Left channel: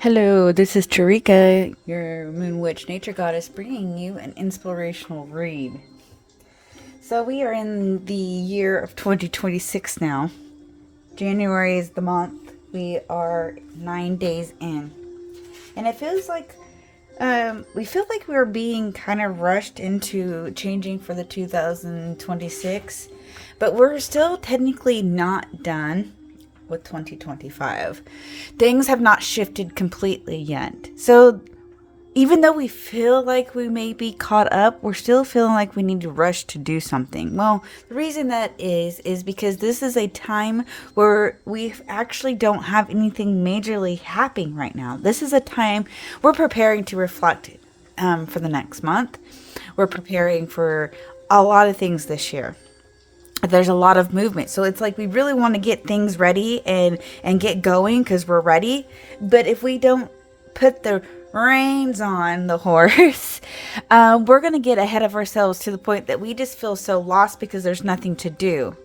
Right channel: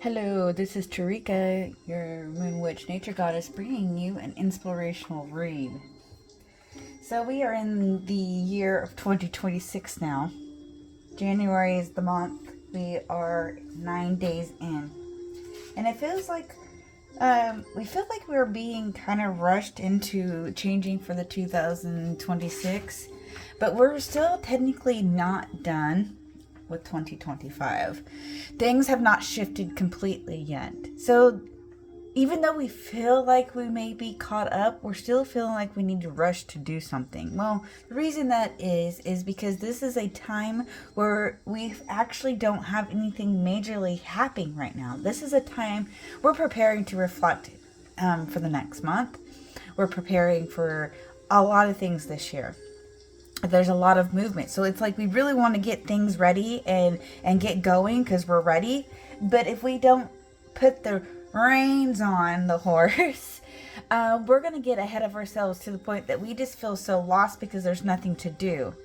Hello, this is Tarika, your Moon Witch Nature Goddess, bringing you an inspirational read. So, we are in the year of 2026 now. January is the month. We are 9 days in. And it feels like we feel like we are being kind of rushed into changing for the 2026, but we're still technically not done with 2025. Things have not shifted completely yet. So even though we feel like we may be caught up, we're still feeling like we need to rush to do something. Well, the reason that is because this is a time where we actually don't have anything majorly happening right now. This is a time we're preparing to reflect for the next month. We're preparing for a lot of things this year. There's a lot of movement, so it's like we really want to get things ready and get going because we're ready. But if we don't put the reins on the horse, we're going to get ahead of ourselves to the point that we just feel so lost because there's nothing to do.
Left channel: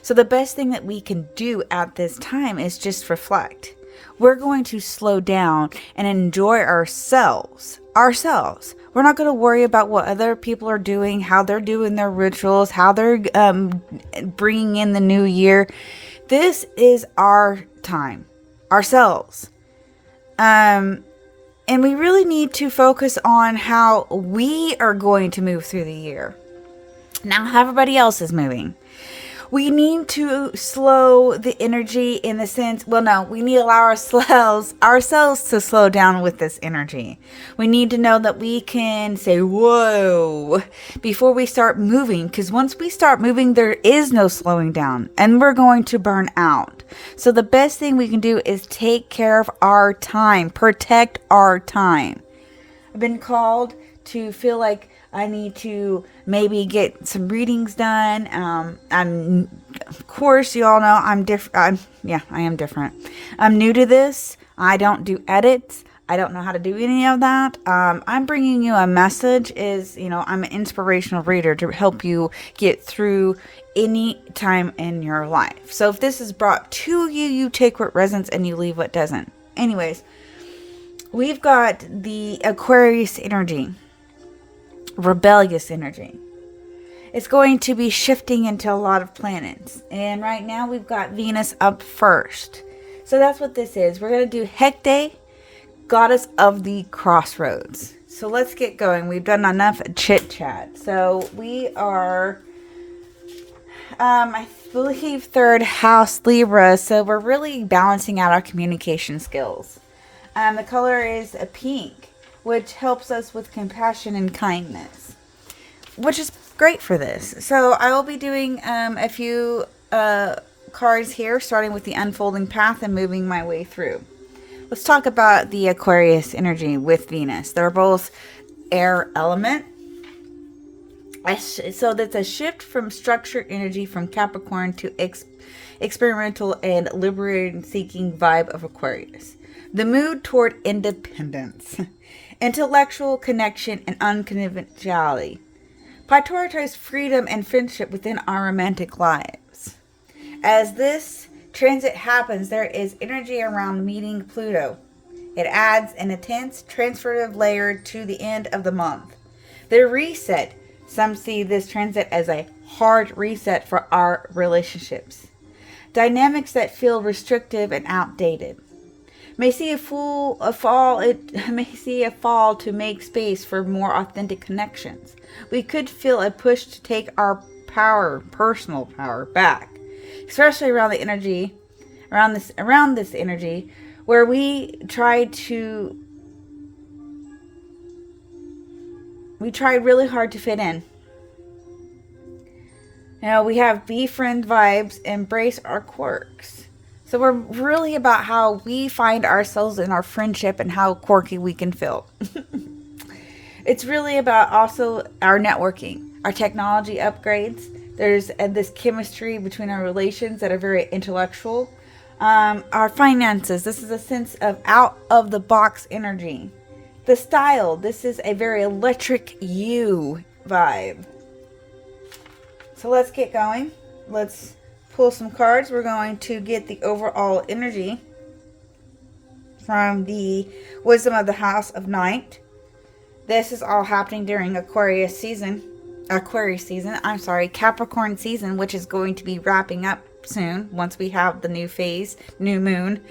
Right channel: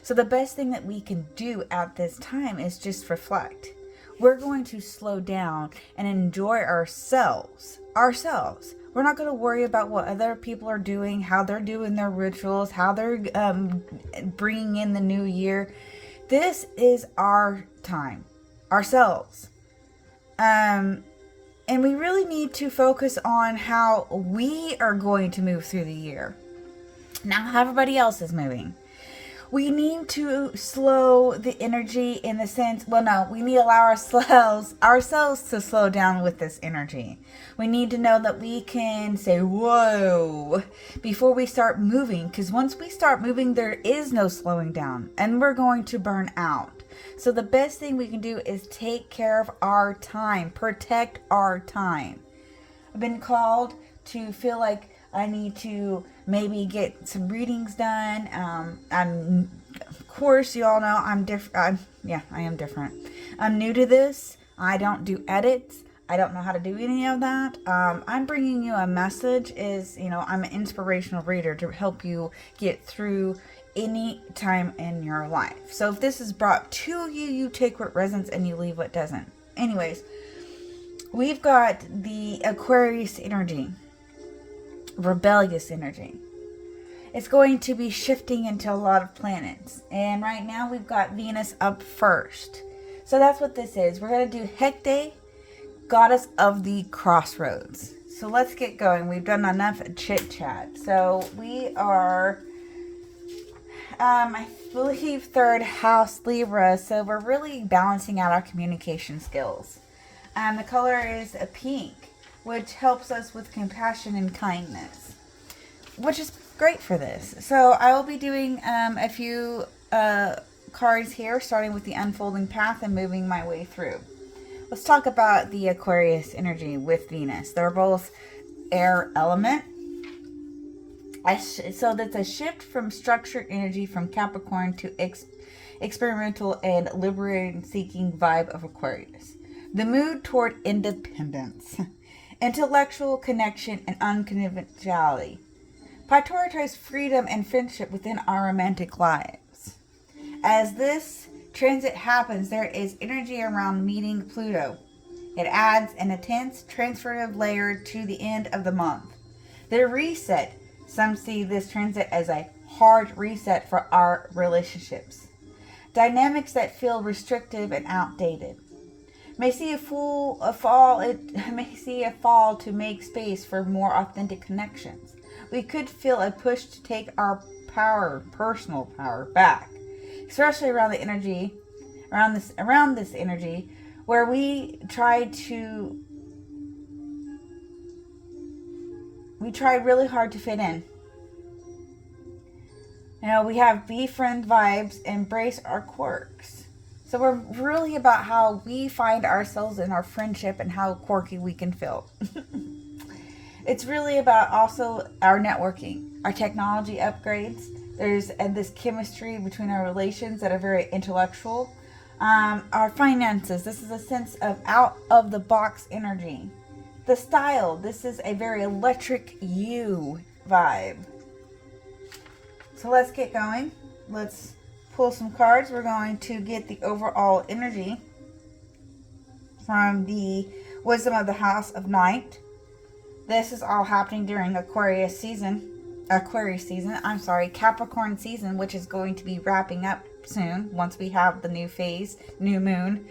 So the best thing that we can do at this time is just reflect. We're going to slow down and enjoy ourselves. We're not going to worry about what other people are doing, how they're doing their rituals, how they're bringing in the new year. This is our time, ourselves. And we really need to focus on how we are going to move through the year. Now, how everybody else is moving. We need to slow the energy in the sense, well, no, we need to allow ourselves to slow down with this energy. We need to know that we can say, whoa, before we start moving, because once we start moving, there is no slowing down and we're going to burn out. So the best thing we can do is take care of our time, protect our time. I've been called to feel like I need to maybe get some readings done. Of course, you all know I'm different. I am different. I'm new to this. I don't do edits. I don't know how to do any of that. I'm bringing you a message. I'm an inspirational reader to help you get through any time in your life. So if this is brought to you, you take what resonates and you leave what doesn't. Anyways, we've got the Aquarius energy. Rebellious energy. It's going to be shifting into a lot of planets. And right now we've got Venus up first. So that's what this is. We're going to do Hecate, goddess of the crossroads. So let's get going. We've done enough chit chat. So we are, I believe, third house Libra. So we're really balancing out our communication skills. The color is a pink, which helps us with compassion and kindness, which is great for this. So I will be doing a few cards here, starting with the unfolding path and moving my way through. Let's talk about the Aquarius energy with Venus. They're both air element. So that's a shift from structured energy from Capricorn to experimental and liberating seeking vibe of Aquarius. The mood toward independence. Intellectual connection and unconventionality. Prioritize freedom and friendship within our romantic lives. As this transit happens, there is energy around meeting Pluto. It adds an intense transformative layer to the end of the month. The reset. Some see this transit as a hard reset for our relationships. Dynamics that feel restrictive and outdated. May see a fall to make space for more authentic connections. We could feel a push to take our personal power back, especially around the energy, around this energy, where we tried really hard to fit in. We have befriend vibes, embrace our quirks. So we're really about how we find ourselves in our friendship and how quirky we can feel. It's really about also our networking, our technology upgrades. There's this chemistry between our relations that are very intellectual. Our finances. This is a sense of out of the box energy. The style. This is a very electric you vibe. So let's get going. Let's pull some cards. We're going to get the overall energy. from the wisdom of the house of night. This is all happening during Aquarius season, Capricorn season, which is going to be wrapping up soon once we have the new phase, new moon.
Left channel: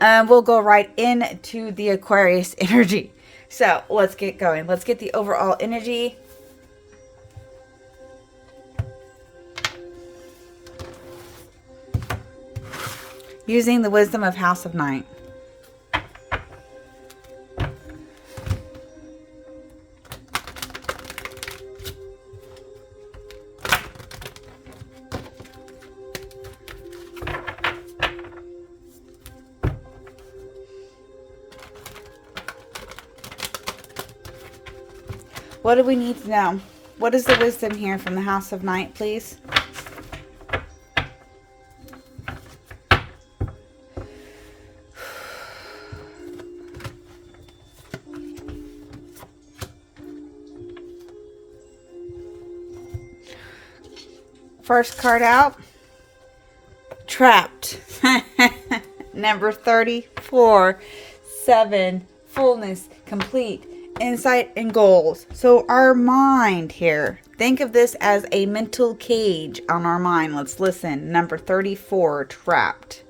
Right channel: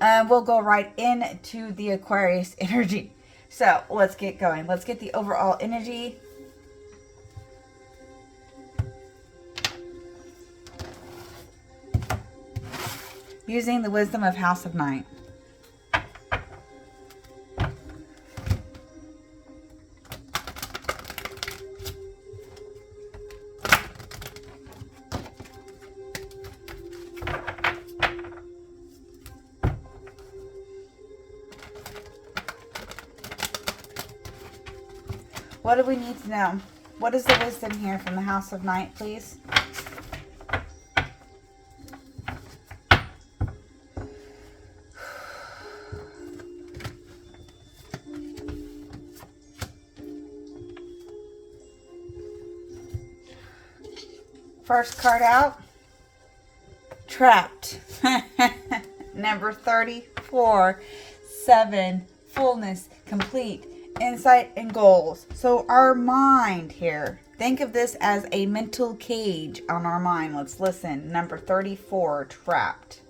We'll go right into the Aquarius energy. So let's get going. Let's get the overall energy. Using the wisdom of House of Night. What do we need to know? What is the wisdom here from the House of Night, please? First card out. Trapped. Number 34. 7. Fullness. Complete. Insight and goals. So our mind here, think of this as a mental cage on our mind. Let's listen. Number 34, trapped.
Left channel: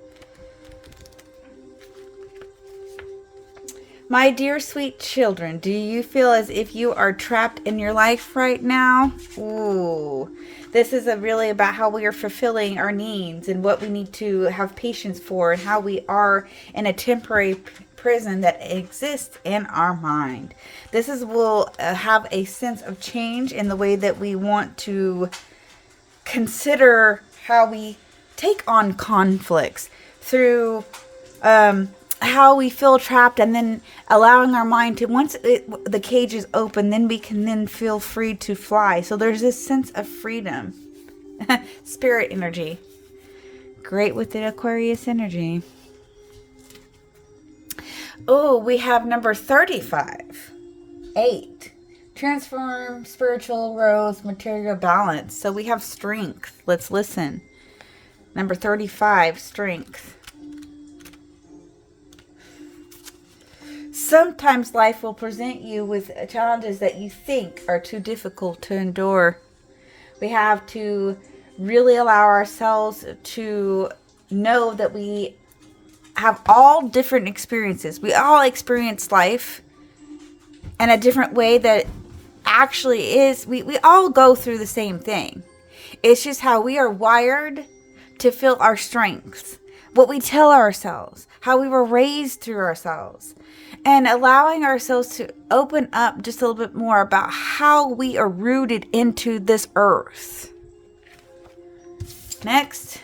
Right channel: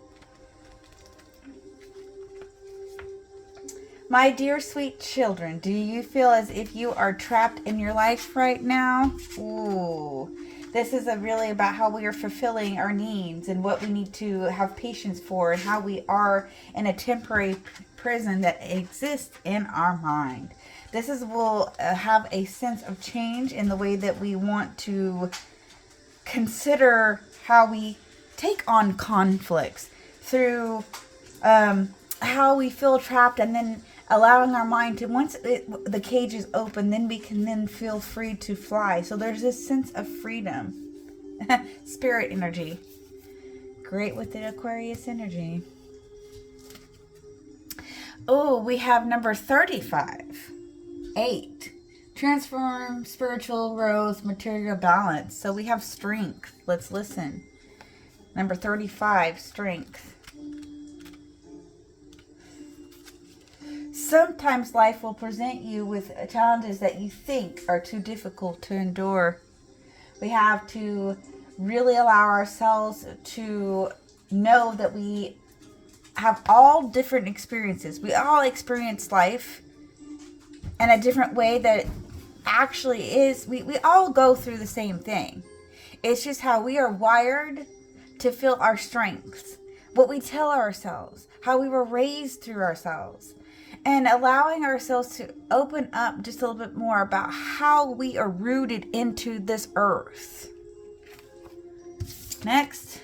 My dear sweet children, do you feel as if you are trapped in your life right now? Ooh, this is really about how we are fulfilling our needs and what we need to have patience for, and how we are in a temporary prison that exists in our mind. This will have a sense of change in the way that we want to consider how we take on conflicts through how we feel trapped, and then allowing our mind to, once the cage is open, then we can then feel free to fly. So there's this sense of freedom. Spirit energy. Great with the Aquarius energy. Oh, we have number 35. 8. Transform, spiritual, rose, material balance. So we have strength. Let's listen. Number 35, strength. Sometimes life will present you with challenges that you think are too difficult to endure. We have to really allow ourselves to know that we have all different experiences. We all experience life in a different way that actually is, we all go through the same thing. It's just how we are wired to feel our strengths, what we tell ourselves, how we were raised through ourselves, and allowing ourselves to open up just a little bit more about how we are rooted into this earth. Next.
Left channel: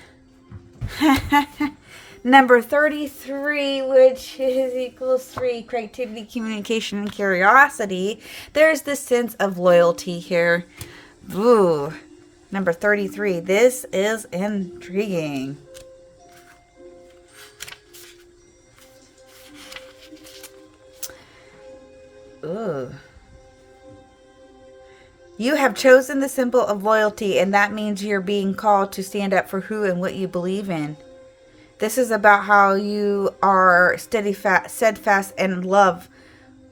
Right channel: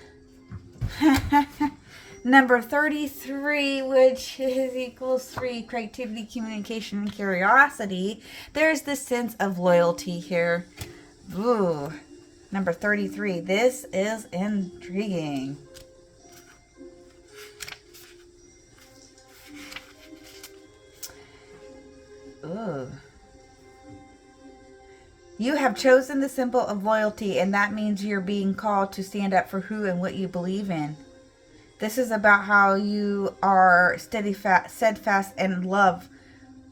Number 33, which is equals 3, creativity, communication, and curiosity. There's this sense of loyalty here. Ooh, number 33. This is intriguing. Ooh. You have chosen the symbol of loyalty, and that means you're being called to stand up for who and what you believe in. This is about how you are steadfast and love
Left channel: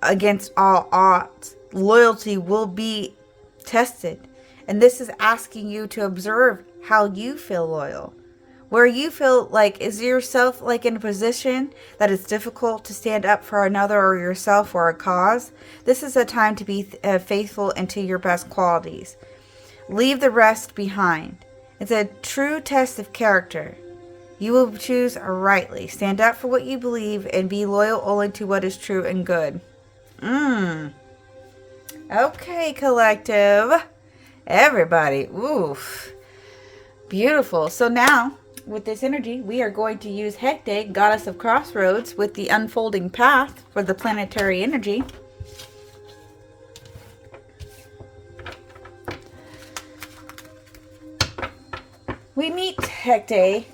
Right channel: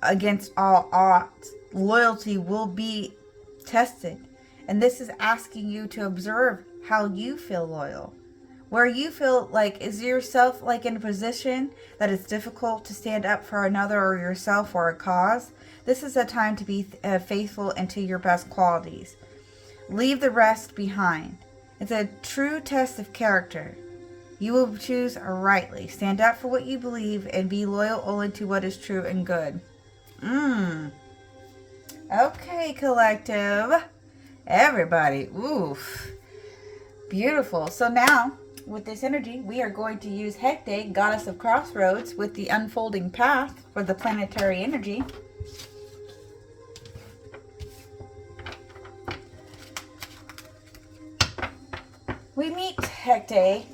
against all odds. Loyalty will be tested. And this is asking you to observe how you feel loyal. Where you feel like, is yourself like in a position that it's difficult to stand up for another or yourself or a cause? This is a time to be faithful and to your best qualities. Leave the rest behind. It's a true test of character. You will choose rightly. Stand up for what you believe and be loyal only to what is true and good. Okay, collective. Everybody. Oof. Beautiful. So now, with this energy, we are going to use Hecate, goddess of crossroads, with the unfolding path for the planetary energy. We meet Hecate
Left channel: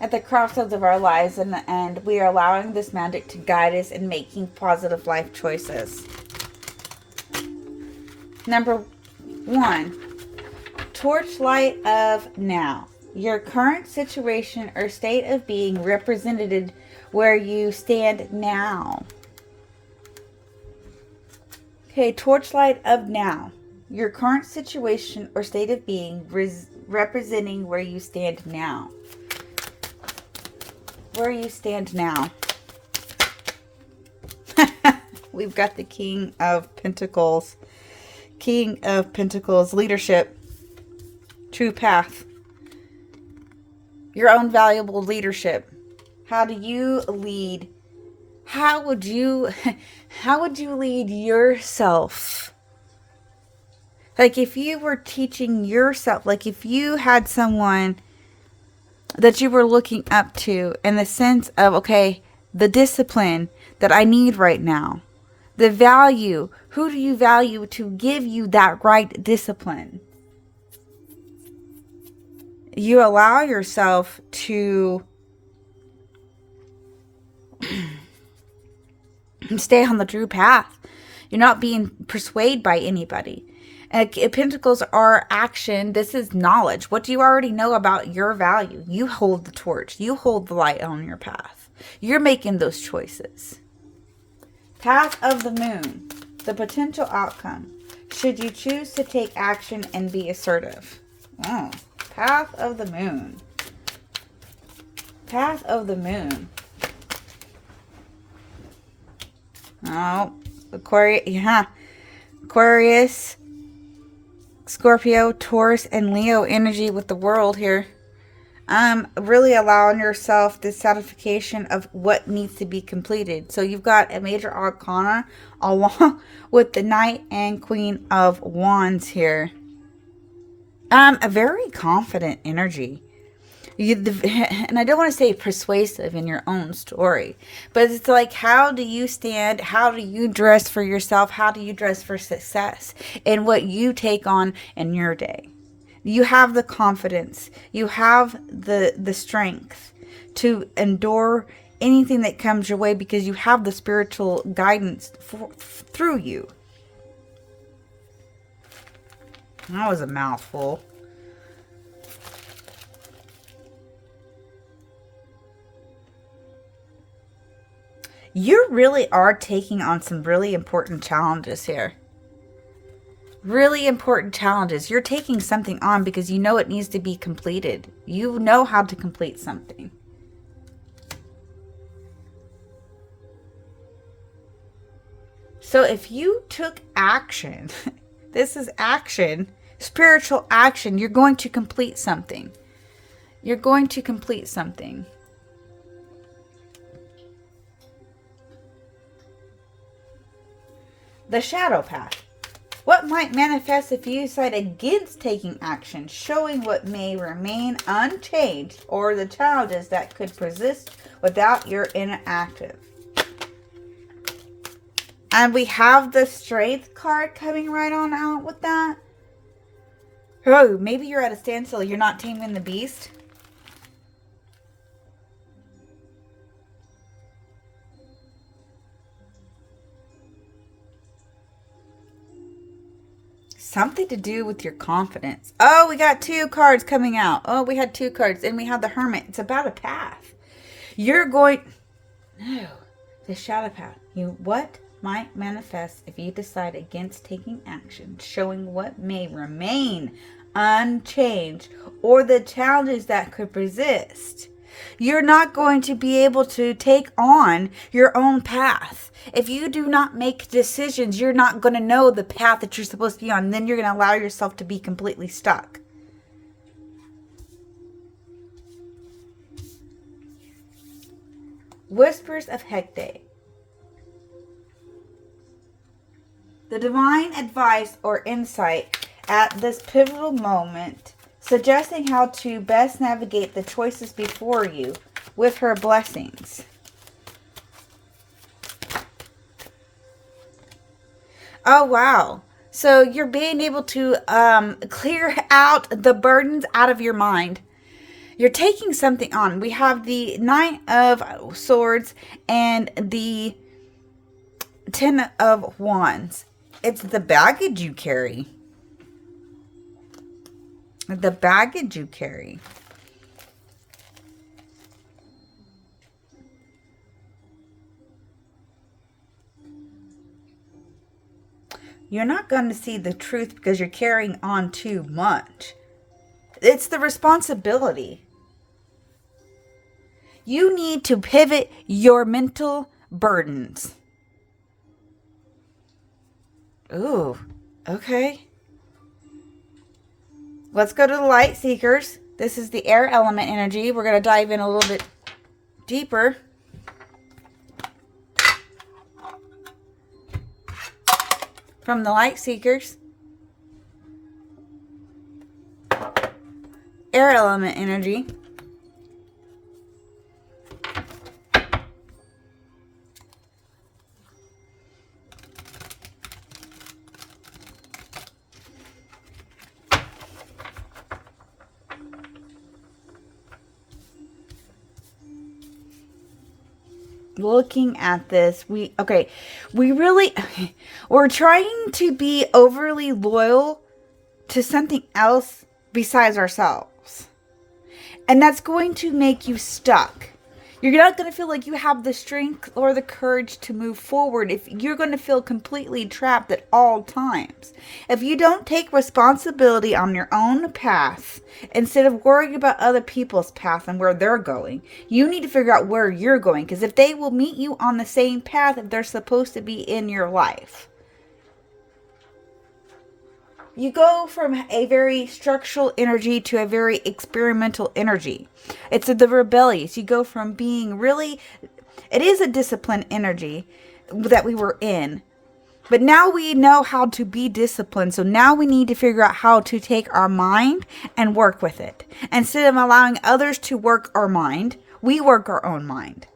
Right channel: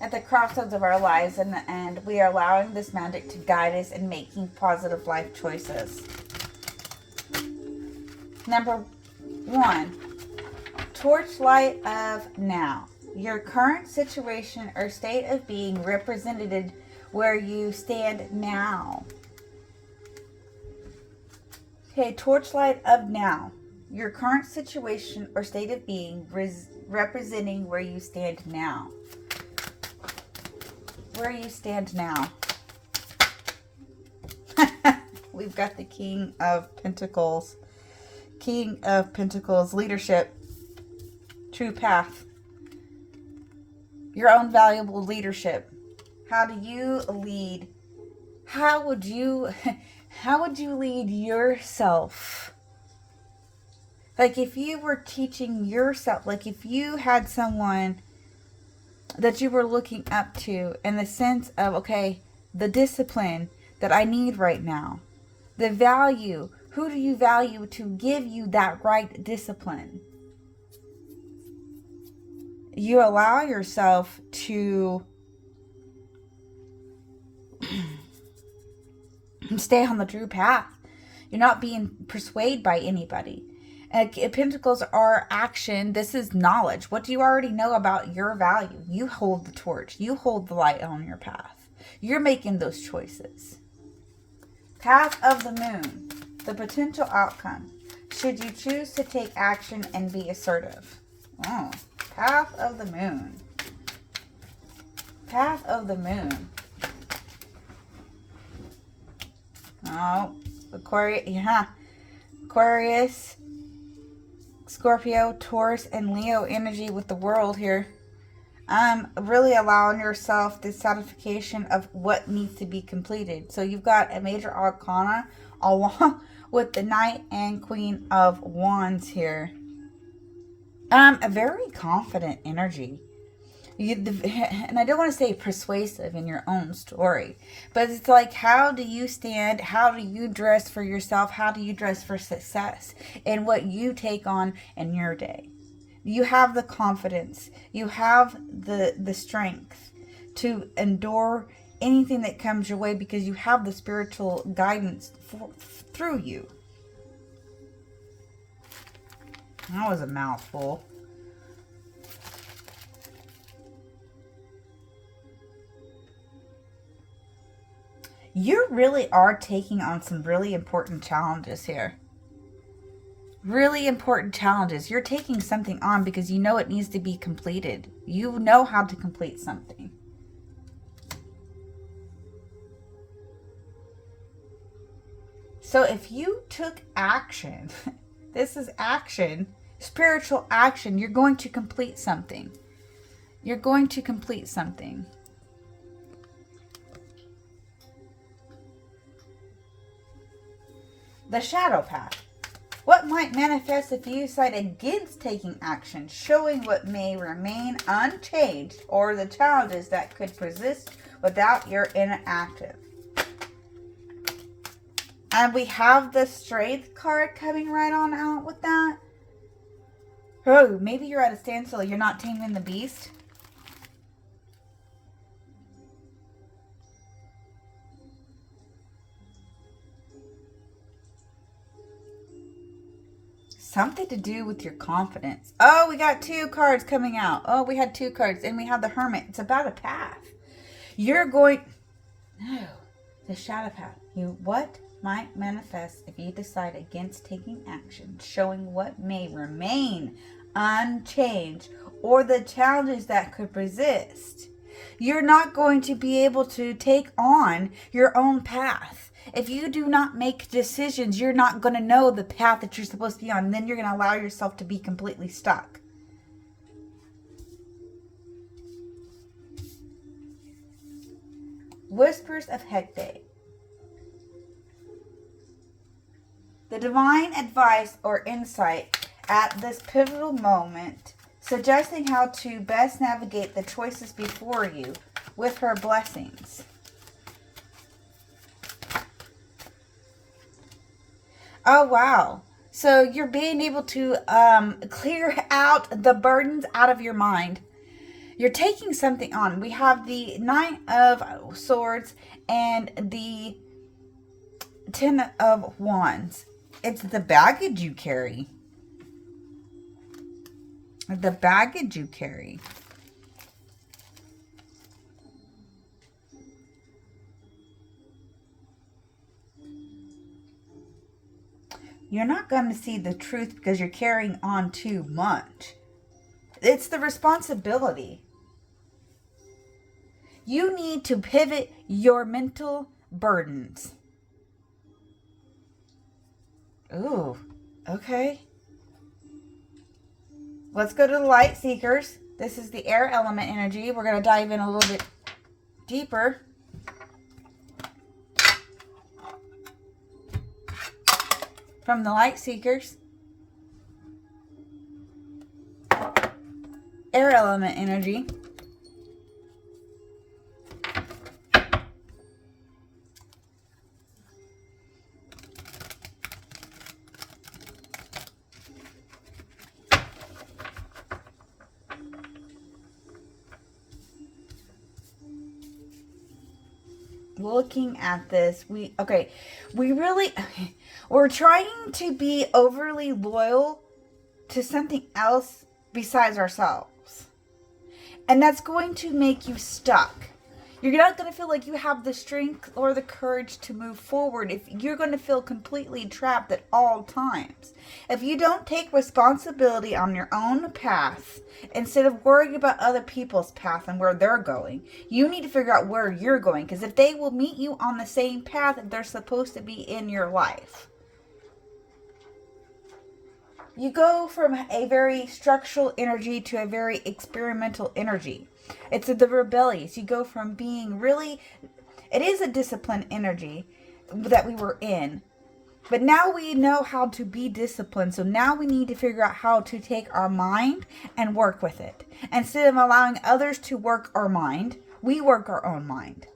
at the crossroads of our lives, and we are allowing this magic to guide us in making positive life choices. Number 1, torchlight of now. Your current situation or state of being represented where you stand now. Okay, torchlight of now. Your current situation or state of being representing where you stand now. Where you stand now. We've got the King of Pentacles. King of Pentacles, leadership. True path. Your own valuable leadership. How do you lead? How would you lead yourself? Like if you were teaching yourself, like if you had someone that you were looking up to in the sense of, okay, the discipline that I need right now, the value, who do you value to give you that right discipline? You allow yourself to stay on the true path. You're not being persuaded by anybody. Pentacles are action. This is knowledge. What do you already know about your value? You hold the torch. You hold the light on your path. You're making those choices. Path of the moon. The potential outcome. Should you choose to take action and be assertive? Oh, path of the moon. Path of the moon. Oh, Aquarius. Yeah. Aquarius, Scorpio, Taurus, and Leo energy with the world here. Really allowing yourself the satisfaction of what needs to be completed. So you've got a major arcana along with the Knight and Queen of Wands here. A very confident energy. And I don't want to say persuasive in your own story, but it's like, how do you stand? How do you dress for yourself? How do you dress for success in what you take on in your day? You have the confidence. You have the strength to endure anything that comes your way because you have the spiritual guidance through you. That was a mouthful. You really are taking on some really important challenges here. Really important challenges. You're taking something on because you know it needs to be completed. You know how to complete something. So if you took action, this is action, spiritual action, you're going to complete something. You're going to complete something. The shadow path. What might manifest if you decide against taking action, showing what may remain unchanged or the challenges that could persist without your inactive. And we have the strength card coming right on out with that. Oh, maybe you're at a standstill. You're not taming the beast. Something to do with your confidence. Oh, we got two cards coming out. Oh, we had two cards. And we have the Hermit. It's about a path. You're going... No. The shadow path. What might manifest if you decide against taking action, showing what may remain unchanged or the challenges that could persist. You're not going to be able to take on your own path. If you do not make decisions, you're not going to know the path that you're supposed to be on. Then you're going to allow yourself to be completely stuck. Whispers of Hecate. The divine advice or insight at this pivotal moment, suggesting how to best navigate the choices before you with her blessings. Oh, wow. So you're being able to clear out the burdens out of your mind. You're taking something on. We have the Knight of Swords and the Ten of Wands. It's the baggage you carry. The baggage you carry. you're not going to see the truth because you're carrying on too much. It's the responsibility. You need to pivot your mental burdens. Ooh, okay. Let's go to the light seekers. This is the air element energy. We're going to dive in a little bit deeper. From the light seekers. Air element energy. Looking at this, we're trying to be overly loyal to something else besides ourselves, and that's going to make you stuck. You're not going to feel like you have the strength or the courage to move forward if you're going to feel completely trapped at all times. If you don't take responsibility on your own path, instead of worrying about other people's path and where they're going, you need to figure out where you're going. Because if they will meet you on the same path that they're supposed to be in your life. You go from a very structural energy to a very experimental energy. It's the rebellious. You go from being really, it is a disciplined energy that we were in. But now we know how to be disciplined. So now we need to figure out how to take our mind and work with it. Instead of allowing others to work our mind, we work our own mind.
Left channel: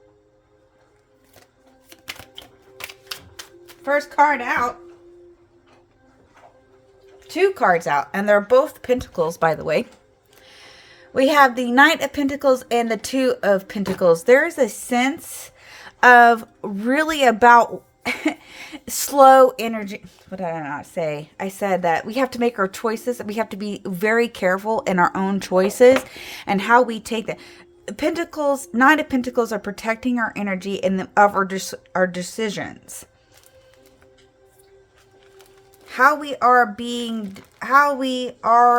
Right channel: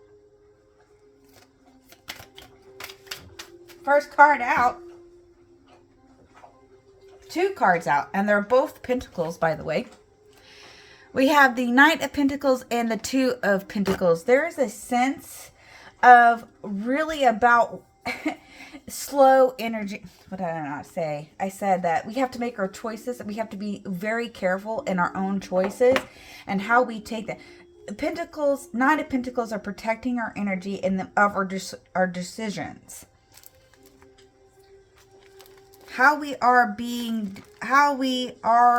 First card out. 2 cards out, and they're both Pentacles, by the way. We have the Knight of Pentacles and the 2 of Pentacles. There's a sense of really about slow energy. What did I not say? I said that we have to make our choices. We have to be very careful in our own choices and how we take that. Pentacles, Knight of Pentacles are protecting our energy and of our decisions. How we are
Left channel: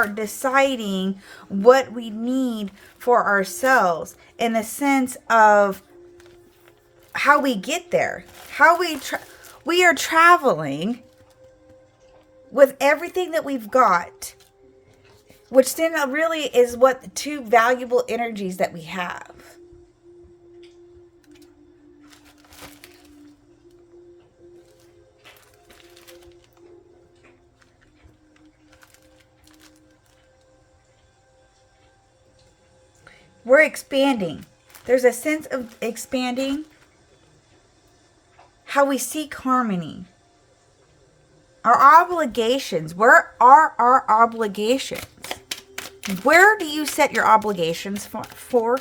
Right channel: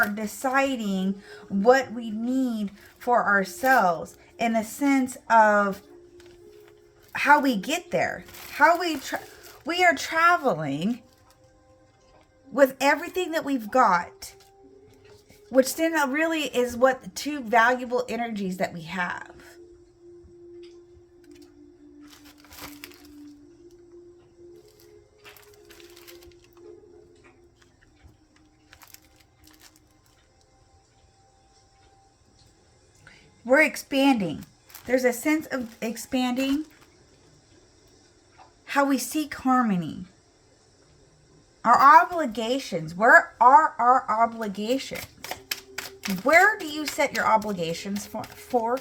deciding what we need for ourselves in the sense of how we get there. How we are traveling with everything that we've got, which then really is what the 2 valuable energies that we have. We're expanding. There's a sense of expanding. How we seek harmony. Our obligations. Where are our obligations? Where do you set your obligations for?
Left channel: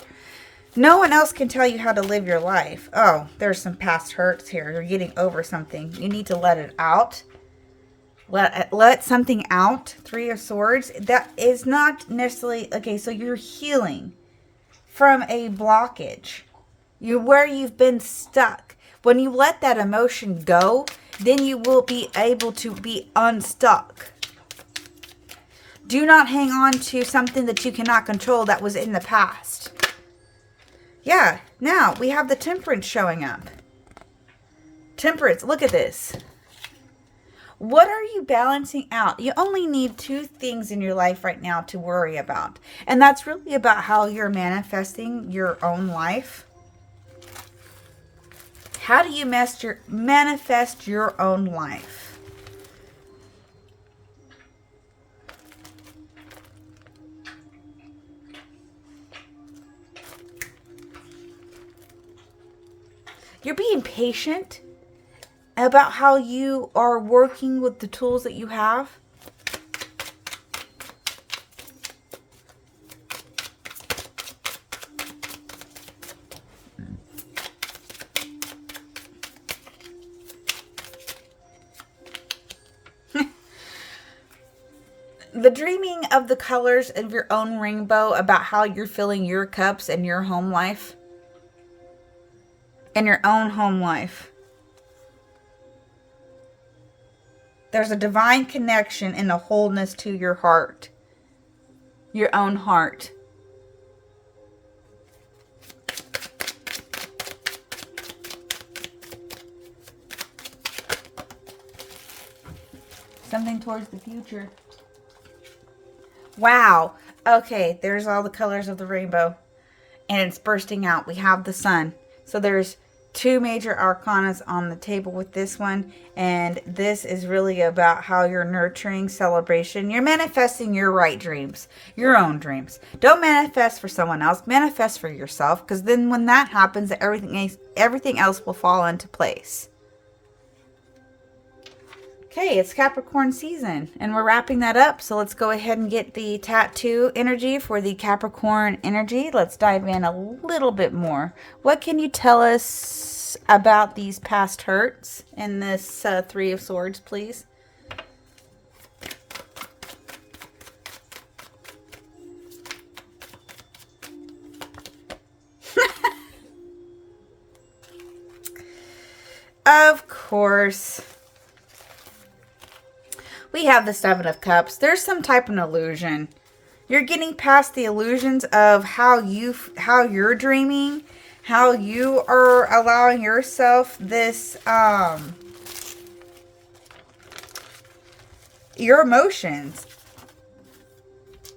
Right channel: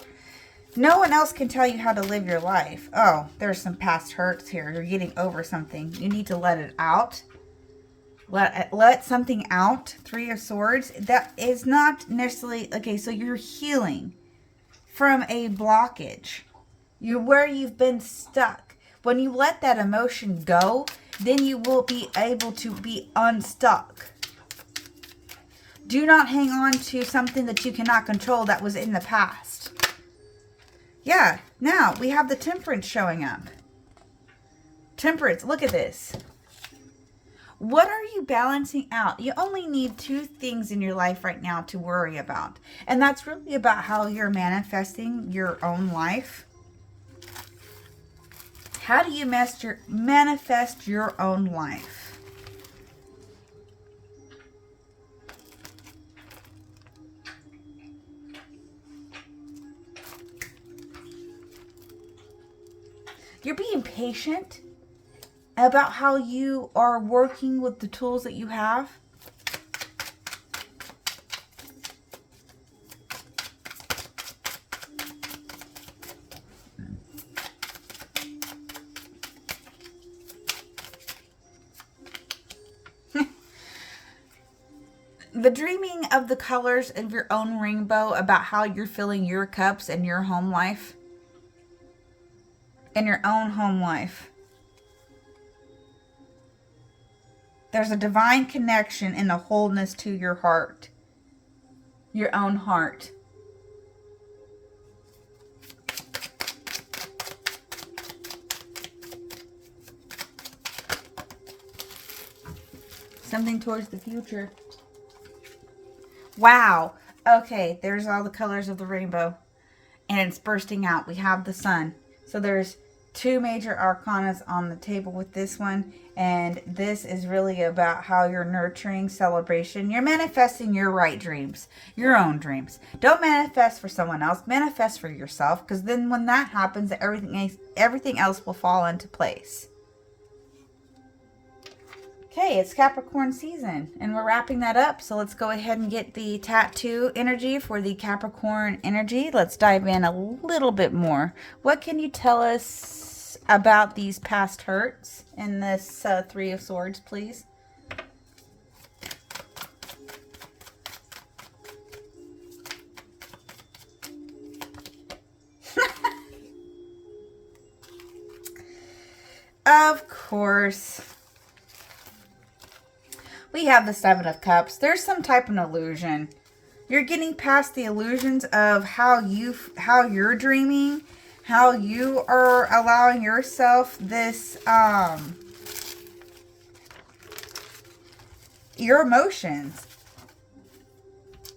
No one else can tell you how to live your life. Oh, there's some past hurts here. You're getting over something. You need to let it out. Let something out. 3 of Swords. That is not necessarily... Okay, so you're healing from a blockage. Where you've been stuck. When you let that emotion go, then you will be able to be unstuck. Do not hang on to something that you cannot control that was in the past. Yeah, now we have the Temperance showing up. Temperance, look at this. What are you balancing out? You only need 2 things in your life right now to worry about. And that's really about how you're manifesting your own life. How do you manifest your own life? You're being patient about how you are working with the tools that you have. The dreaming of the colors of your own rainbow about how you're filling your cups and your home life. In your own home life. There's a divine connection and a wholeness to your heart. Your own heart. Something towards the future. Wow. Okay, there's all the colors of the rainbow. And it's bursting out. We have the sun. So there's 2 major arcanas on the table with this one. And this is really about how you're nurturing celebration. You're manifesting your right dreams. Your own dreams. Don't manifest for someone else. Manifest for yourself. Because then when that happens, everything else will fall into place. Okay, it's Capricorn season, and we're wrapping that up. So let's go ahead and get the tattoo energy for the Capricorn energy. Let's dive in a little bit more. What can you tell us about these past hurts in this 3 of Swords, please? Of course. We have the 7 of Cups. There's some type of illusion. You're getting past the illusions of how you're dreaming, how you are allowing yourself this, your emotions.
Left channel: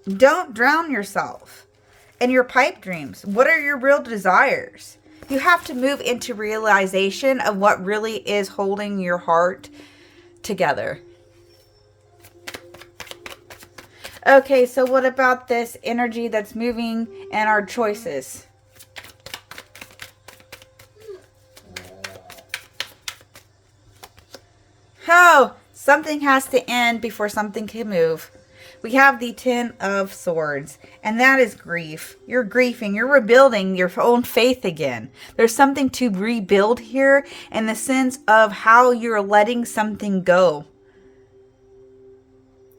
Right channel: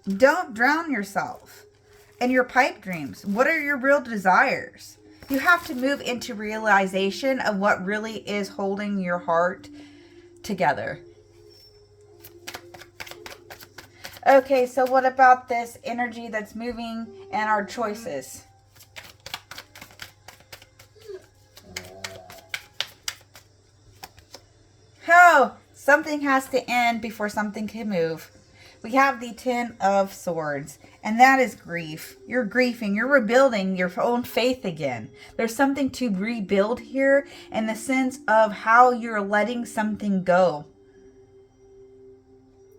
Don't drown yourself in your pipe dreams. What are your real desires? You have to move into realization of what really is holding your heart together. Okay, so what about this energy that's moving and our choices? How? Something has to end before something can move. We have the 10 of Swords, and that is grief. You're grieving. You're rebuilding your own faith again. There's something to rebuild here in the sense of how you're letting something go.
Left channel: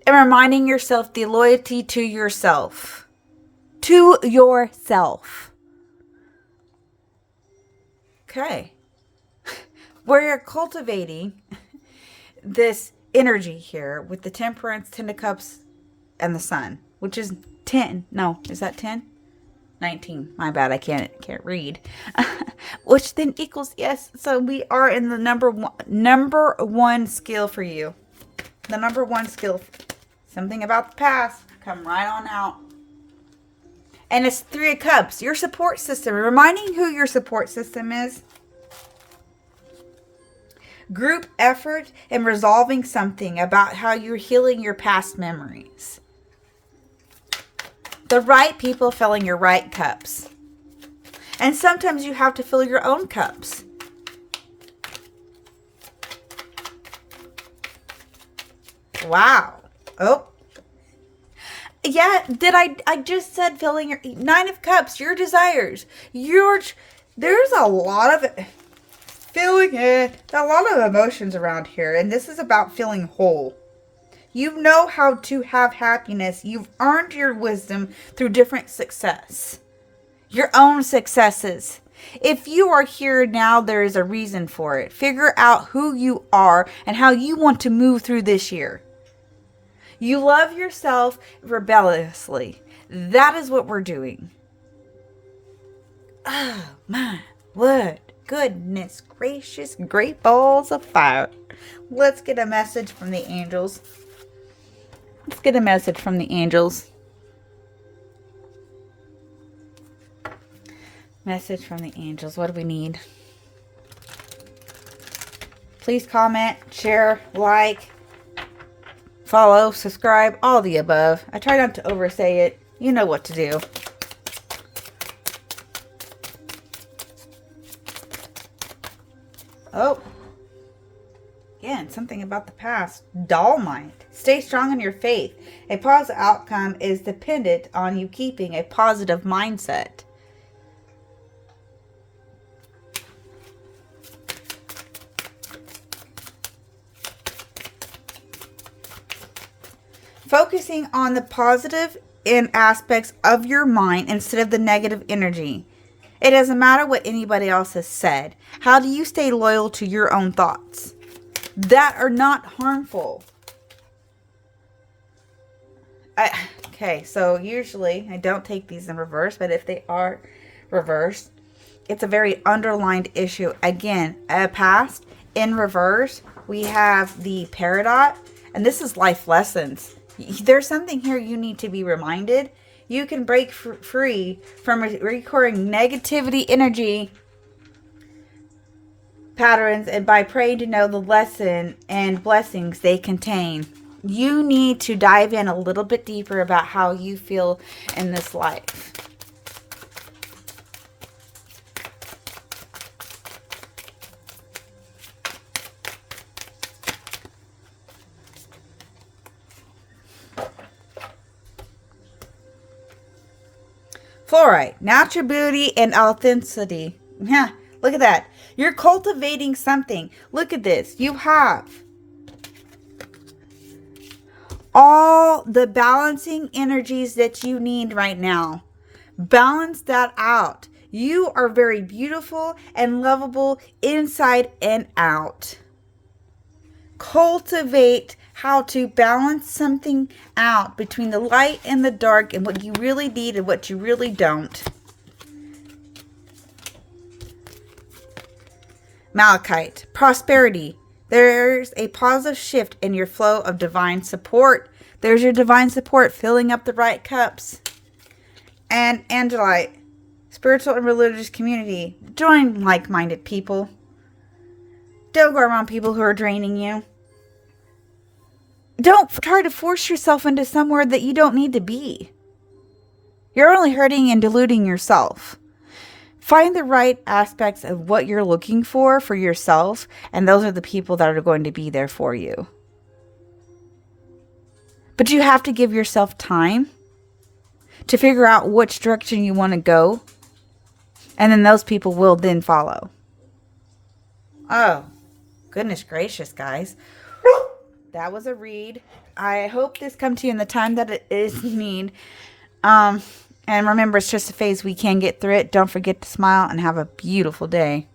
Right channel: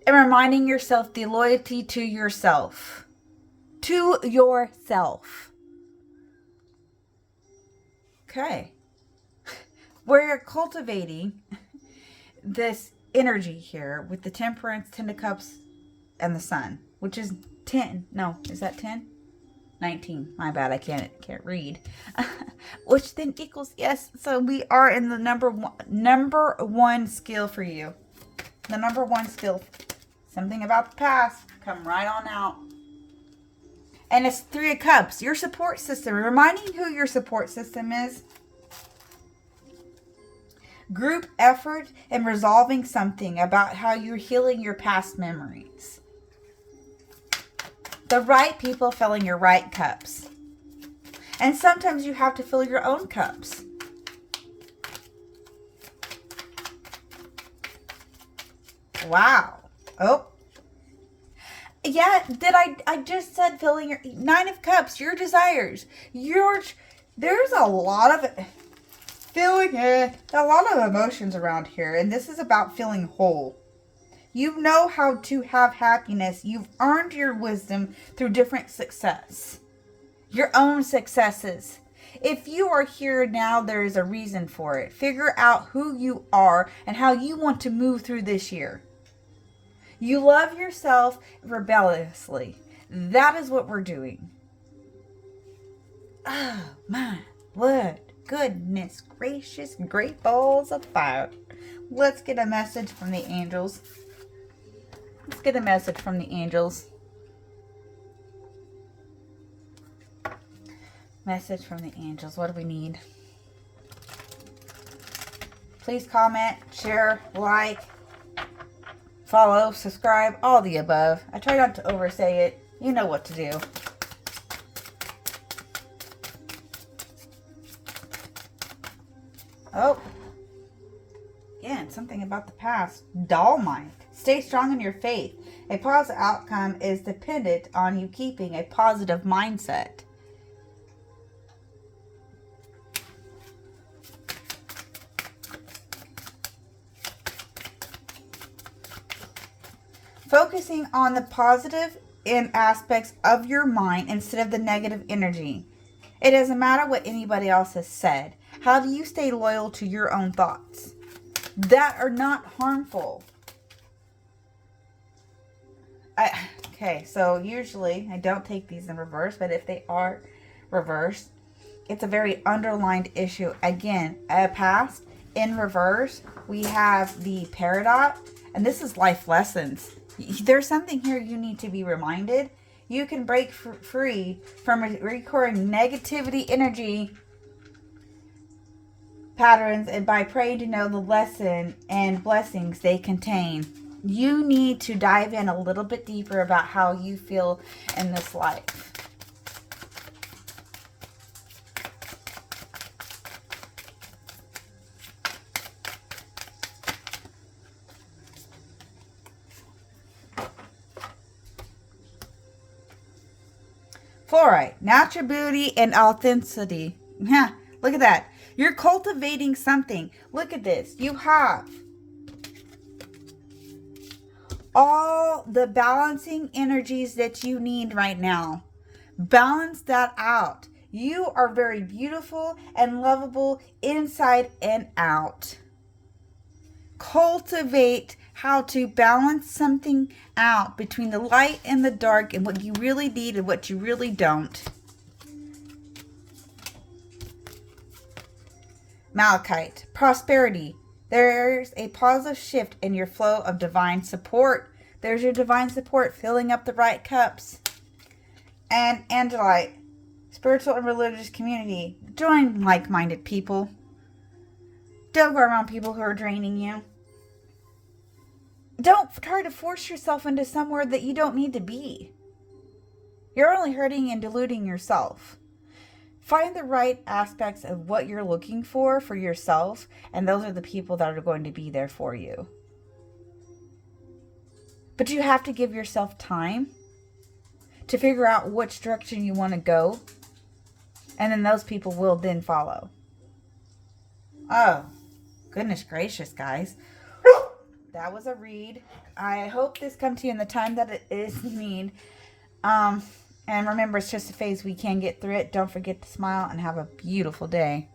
And reminding yourself the loyalty to yourself. To yourself. Okay. Where you're cultivating this energy here with the Temperance, 10 of Cups, and the Sun. Which is 10. No, is that 10? 19. My bad, I can't read. Which then equals, yes. So we are in the number one skill for you. The number 1 skill. Something about the past. Come right on out. And it's 3 of Cups. Your support system. Reminding who your support system is. Group effort and resolving something about how you're healing your past memories. The right people filling your right cups. And sometimes you have to fill your own cups. Wow. Oh. Yeah, I just said filling your 9 of Cups, your desires. There's a lot of feeling it. A lot of emotions around here, and this is about feeling whole. You know how to have happiness. You've earned your wisdom through different success. Your own successes. If you are here now, there is a reason for it. Figure out who you are and how you want to move through this year. You love yourself rebelliously. That is what we're doing. Oh my word. Goodness gracious. Great balls of fire. Let's get a message from the angels. Let's get a message from the angels. Message from the angels. What do we need? Please comment, share, like, follow, subscribe, all the above. I try not to oversay it. You know what to do. Oh. Again, something about the past. Doll mind. Stay strong in your faith. A positive outcome is dependent on you keeping a positive mindset. Focusing on the positive in aspects of your mind instead of the negative energy. It doesn't matter what anybody else has said. How do you stay loyal to your own thoughts? that are not harmful. Okay, so usually I don't take these in reverse, but if they are reversed, it's a very underlined issue. Again, past in reverse, we have the Peridot, and this is life lessons. There's something here you need to be reminded. You can break free from recurring negativity energy patterns, and by praying to know the lesson and blessings they contain. You need to dive in a little bit deeper about how you feel in this life. Fluorite, natural beauty and authenticity. Yeah, look at that. You're cultivating something. Look at this. You have all the balancing energies that you need right now. Balance that out. You are very beautiful and lovable inside and out. Cultivate how to balance something out between the light and the dark and what you really need and what you really don't. Malachite, prosperity. There's a positive shift in your flow of divine support. There's your divine support filling up the right cups. And Angelite, spiritual and religious community. Join like-minded people. Don't go around people who are draining you. Don't try to force yourself into somewhere that you don't need to be. You're only hurting and deluding yourself. Find the right aspects of what you're looking for yourself, and those are the people that are going to be there for you. But you have to give yourself time to figure out which direction you want to go, and then those people will then follow. Oh, goodness gracious, guys. That was a read. I hope this comes to you in the time that it is need. And remember, it's just a phase. We can get through it. Don't forget to smile and have a beautiful day.